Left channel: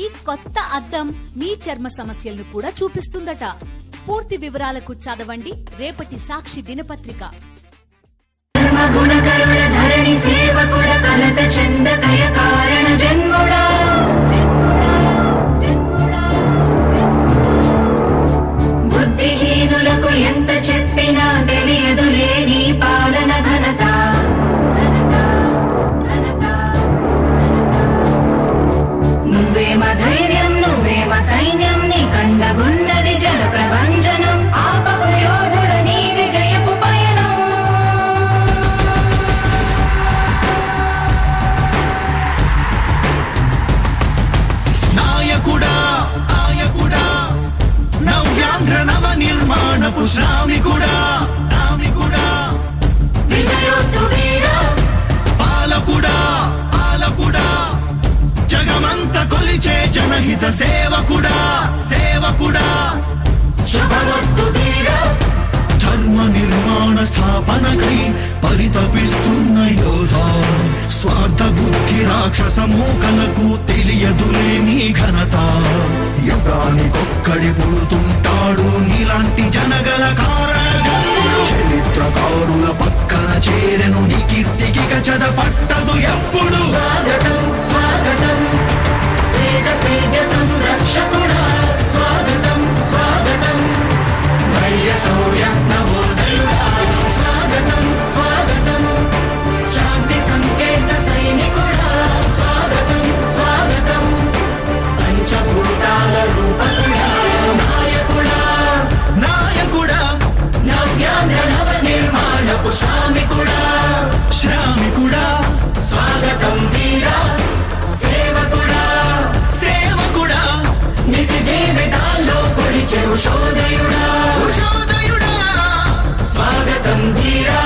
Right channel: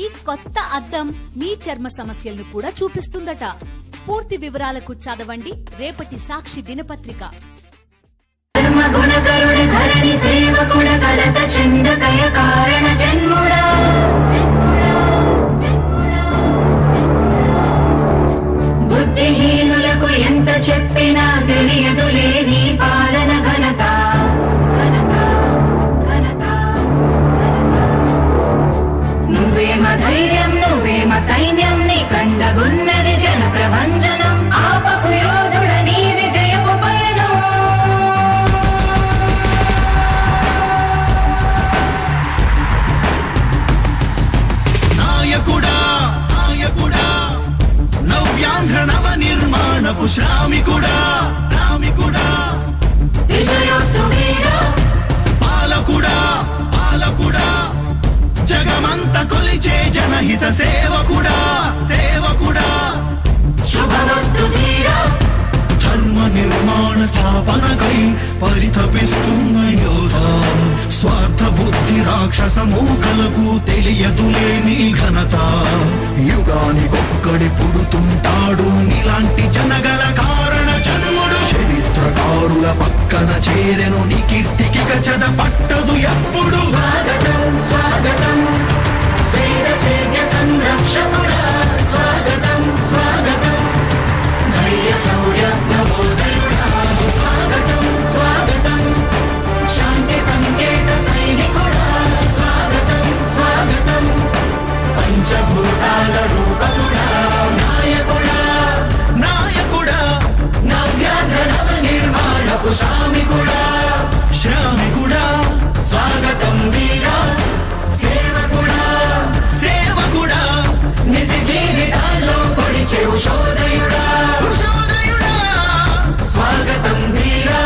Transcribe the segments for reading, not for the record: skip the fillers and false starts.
ఈ కొత్త అద్దం మీ చర్మ సమస్యలను కూడా చూపిస్తుందట. పూర్తి వివరాలకు చదవండి రేపటి సాక్షి దినపత్రిక. బుద్ధిహీనులకు ఎంత చెప్పినా తెలియదులే నీ పాలన ఘనత. నువ్వేమ ధైర్యం, నువ్వేమ సైన్యం, నీ కండగున్నది జన ప్రభంజనం. ఆపకు యోధుడ నీ విజయపు పయనం. నాయకుడా నాయకుడా, నవ్యాంధ్ర నవ నిర్మాణపు శ్రామికుడా రామికుడా, విజయోస్తు వీరా పాలకుడా పాలకుడా, జగమంత కొలిచే జనహిత సేవకుడా సేవకుడా, శుభమస్తు ధీరా ధర్మ నిర్మాణ స్థాపనకై పరితపిస్తున్న యోధ. స్వార్థ బుద్ధి రాక్షస మూకలకు తెలియదులే నీ ఘనత. యుగానికొక్కడి పుడుతుంటాడు నీలాంటి జనగల కారణ జన్ముడు. చరిత్రకారుల పక్కన చేరెను నీ కీర్తికి గచద పట్టదు ఎప్పుడు. స్వాగతం స్వాగతం సేన సేద్య సంరక్షకుడా. స్వాగతం స్వాగతం ధైర్య శౌర్య నవోదయుడా. స్వాగతం స్వాగతం శాంతి సంకేత సైనికుడా. స్వాగతం స్వాగతం పంచభూతాల రూపకుడా. నాయకుడా నాయకుడా నవ్యాంధ్ర నవ నిర్మాణపు శ్రామికుడా. శ్రామికుడా స్వాగతం వీరా సేవకుడా. సేవకుడా నిజ జీవితాల్లో పొడిచే ఉషోదయుడా. ఉషోదయుడా. స్వాగతం ధీరా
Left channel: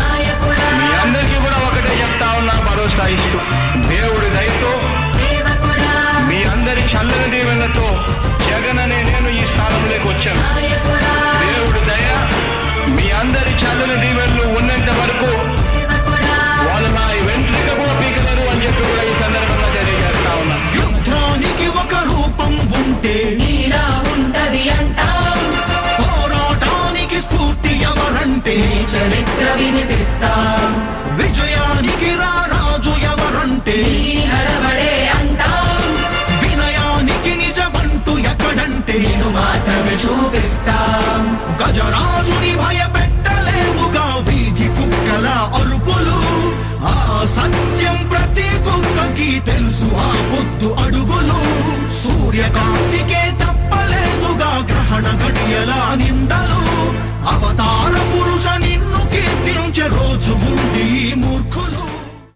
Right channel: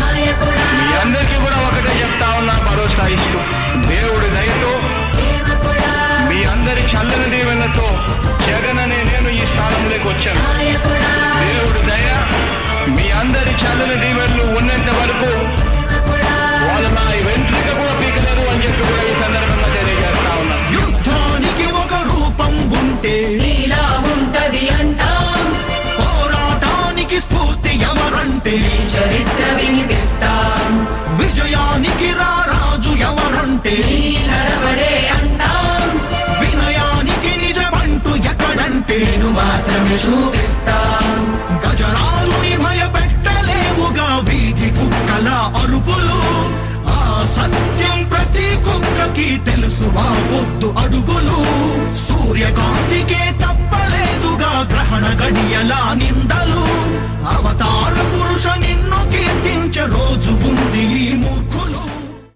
నాయకుడా మీ అందరికీ కూడా ఒకటే చెప్తా ఉన్నా, భరోసా ఇస్తూ దేవుడి దయతో సేవకుడా. మీ అందరి చల్లని దీవెనతో జగన్ అనే నేను ఈ స్థానంలోకి వచ్చాను. నాయకుడా దేవుడి దయ మీ అందరి చల్లని దీవెనలు ఉన్నంత వరకు సేవకుడా. వాళ్ళు నా వెంట్రిక కూడా పీకలేరు అని చెప్పి కూడా ఈ సందర్భంగా తెలియజేస్తా ఉన్నాను. యుద్ధానికి ఒక రూపం ఉంటే నీలా ఉంటది అంటాం. పోరాటానికి స్ఫూర్తి ఎవరంటే ఈ చరిత్ర వినిపిస్తాం. విజయానికి రారాజు ఎవరంటే నీ నడవడే అంటాం. వినయానికి నిజమంటూ ఎక్కడంటే నేను మాత్రమే చూపిస్తాం.